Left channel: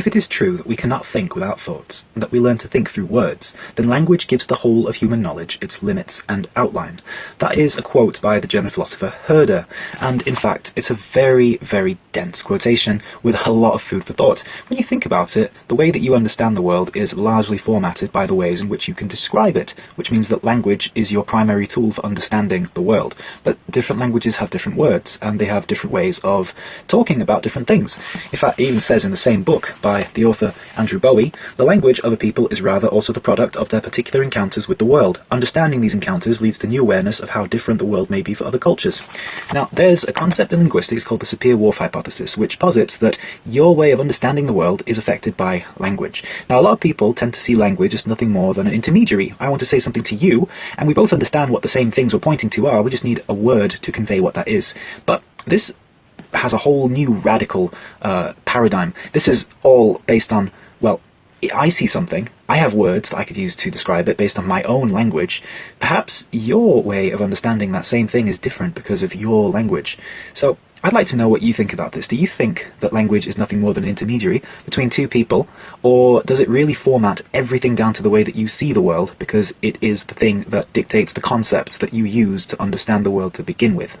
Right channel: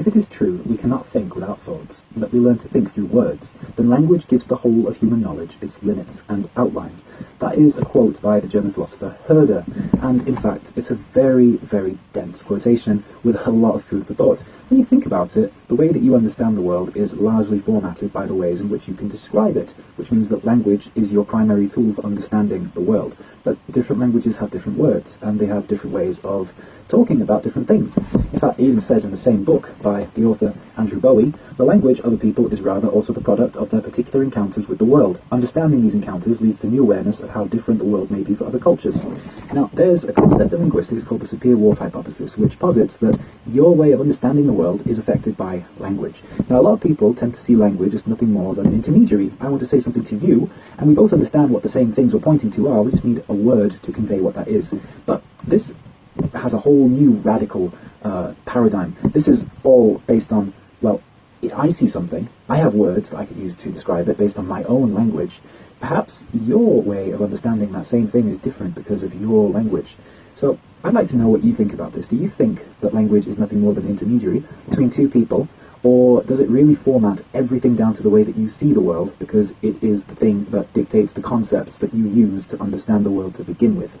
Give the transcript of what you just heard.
If it is true that we cannot think without thoughts, and that we learn to think through words, then language gives the whole of human knowledge its limits and outline. That is a quote by the German philosopher Herder, and in fact it's a very, very dense quotation with a lot of food for thought. When you think about it, the way that you understand the world is largely formatted by the ways in which you can describe it, which means that language is your primary tool for understanding the world. But different languages have different words, and they have different ways of talking about different things. In fact, it even says in the same book by the author Andrew Bowie, the language of a people is rather also the product of their particular encounters with the world. Understanding these encounters leads to new awareness of how different the world may be for other cultures. Now, there's a concept in linguistics called the Sapir-Whorf hypothesis, which posits that your way of understanding the world is affected by language. Now, a lot of people tend to see language as nothing more than an intermediary. I want to say something to you, and we both understand what the same things we're pointing to are, we just need a word to convey what that is. But this has a whole new radical paradigm. This is all based on, well, I see something, I have words that I could use to describe it based on my own language. Perhaps your way of understanding that same thing is different because of your language. So I'd like to know what you think about this. Do you think that language is nothing more than an intermediary between two people, or does it really format everything down to the way that you see the world because it is the thing that dictates the concepts that you use to understand the world to begin with?